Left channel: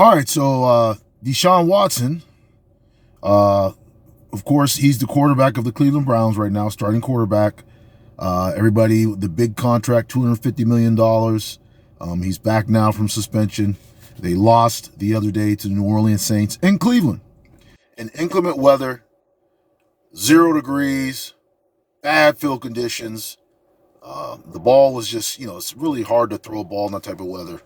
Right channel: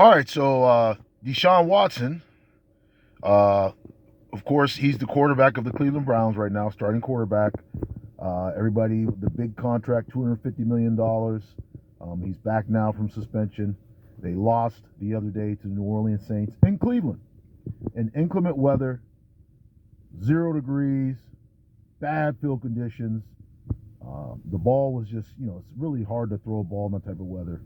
All right, so Deshaun Watson, of course, he's the quarterback of the Cleveland Browns right now, starting quarterback. Everybody, the big contract, $250 million. He's back now from suspension. They lost the other day to the New Orleans Saints in Cleveland. In inclement weather, 0 degrees, bad field conditions. The ball was just, it's really hard to throw a ball in that type of weather.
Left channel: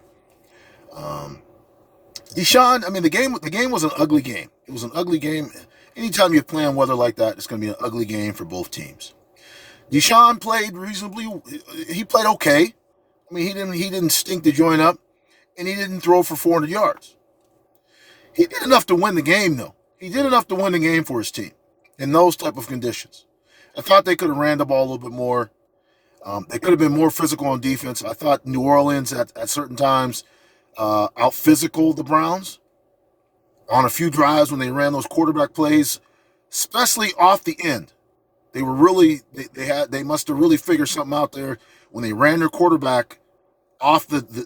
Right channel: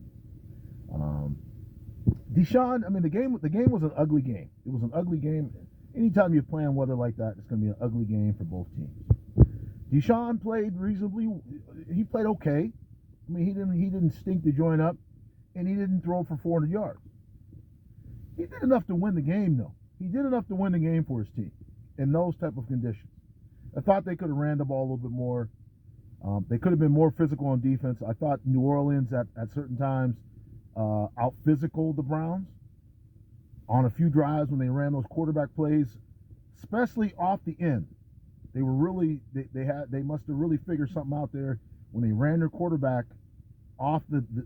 Deshaun, the game was an ugly game. It was an ugly game. Anytime you play in weather like that, it's going to be an ugly game for both teams. Deshaun played reasonably. He played okay. He didn't stink the joint up, and he didn't throw for 400 yards. He did enough to win the game, though. He did enough to win the game for his team in those type of conditions. I thought they could have ran the ball a little bit more. They could have been more physical on defense. I thought New Orleans at certain times out physical the Browns on a few drives when they ran those quarterback plays, especially off the end. They were really they must have really figured something out there when they ran their quarterback off to the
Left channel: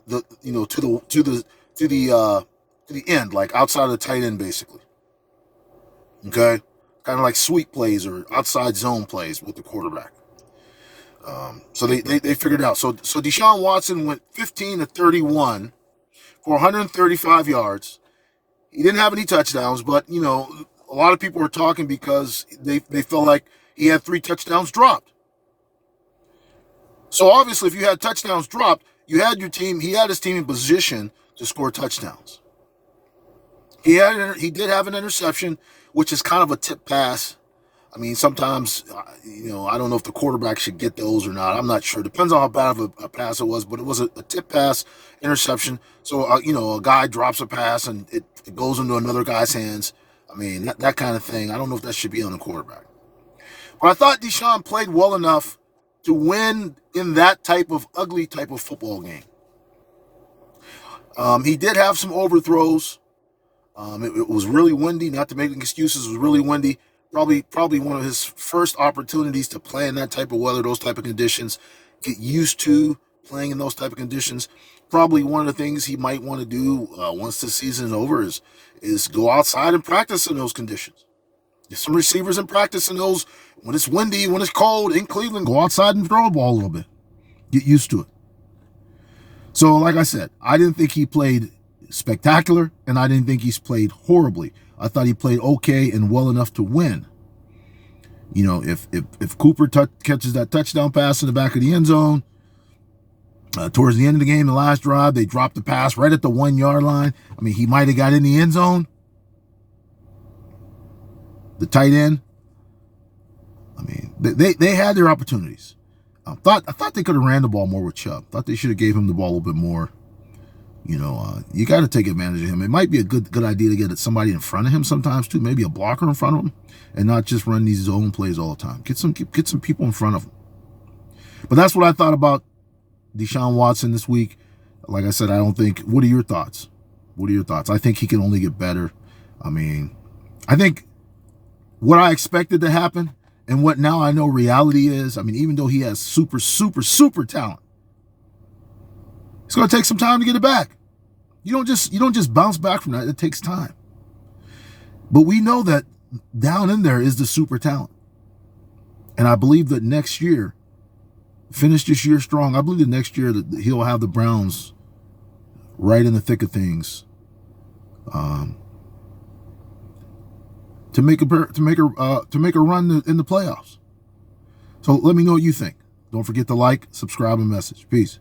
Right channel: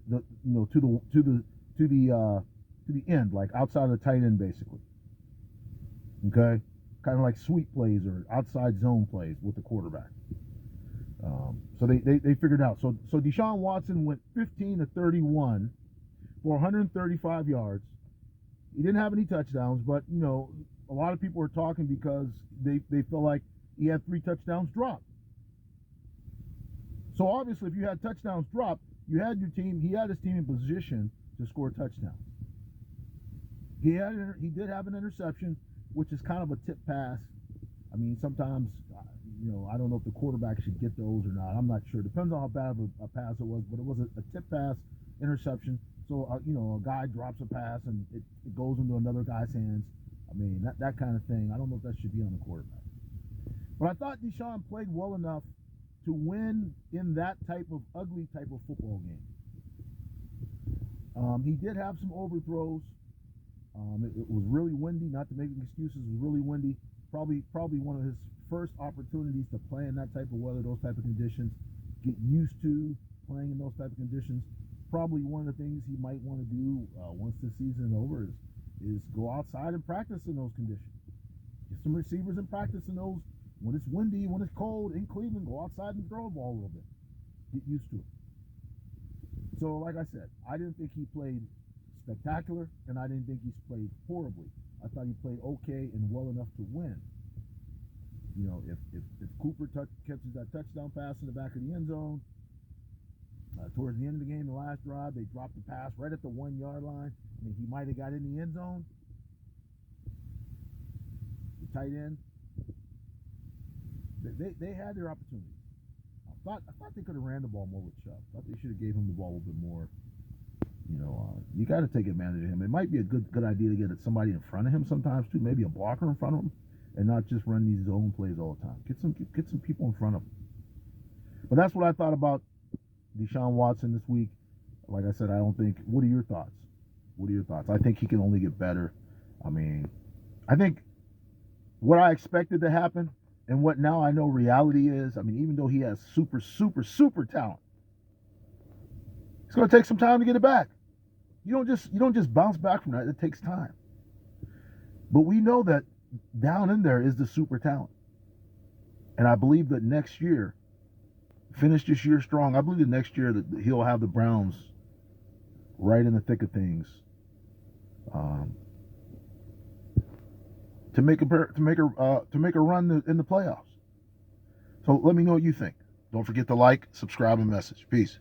end, like outside of the tight end, basically. Okay, kind of like sweep plays or outside zone plays with the quarterback. So they figured it out. So Deshaun Watson went 15 to 31 for 135 yards. He didn't have any touchdowns, but a lot of people were talking because they felt like he had 3 touchdowns dropped. So obviously, if you had touchdowns dropped, you had your team. He had his team in position to score touchdowns. He did have an interception, which is kind of a tip pass. Sometimes, I don't know if the quarterback should get those or not. I'm not sure. Depends on how bad of a pass it was, but it was a tip pass interception. So, a guy drops a pass and it goes into another guy's hands. That kind of thing. I don't know if that should be on the quarterback. But I thought Deshaun played well enough to win in that ugly type of football game. He did have some overthrows. It was really windy. Not to make excuses, it was really windy. Probably one of his first opportunities to play in that type of weather, those type of conditions, get used to playing in those type of conditions. Probably one of the things he might want to do once the season is over is go outside and practice in those conditions. Get some receivers in practice in those when it's windy, when it's cold in Cleveland. Go outside and throw a ball a little bit. Get used to it. So, like I said, I didn't think he played spectacular, and I didn't think he's played horribly. I thought he played okay and well enough to win. If Cooper catches that touchdown pass in the back of the end zone, towards the end of the game, the last drive, they dropped the pass right at the 1-yard line. He might have got in the end zone. The tight end. They had their opportunities. I thought they could have ran the ball more with Chubb. Thought they should have gave him the ball a little bit more. You got to take advantage of him. It might be a good idea to get somebody in front of him sometimes too, maybe a blocker in front of him, and not just run these zone plays all the time. Get some people in front of him. But that's what I thought about Deshaun Watson this week. Like I said, I don't think. What are your thoughts? I think he can only get better. I think what I expected to happen and what now I know reality is. Even though he has super talent, it's going to take some time to get it back. You don't just bounce back from that. It takes time. But we know that down in there is the super talent. And I believe that next year, finish this year strong. I believe that next year that he'll have the Browns right in the thick of things to make a run in the playoffs. So let me know what you think. Don't forget to like, subscribe, and message. Peace.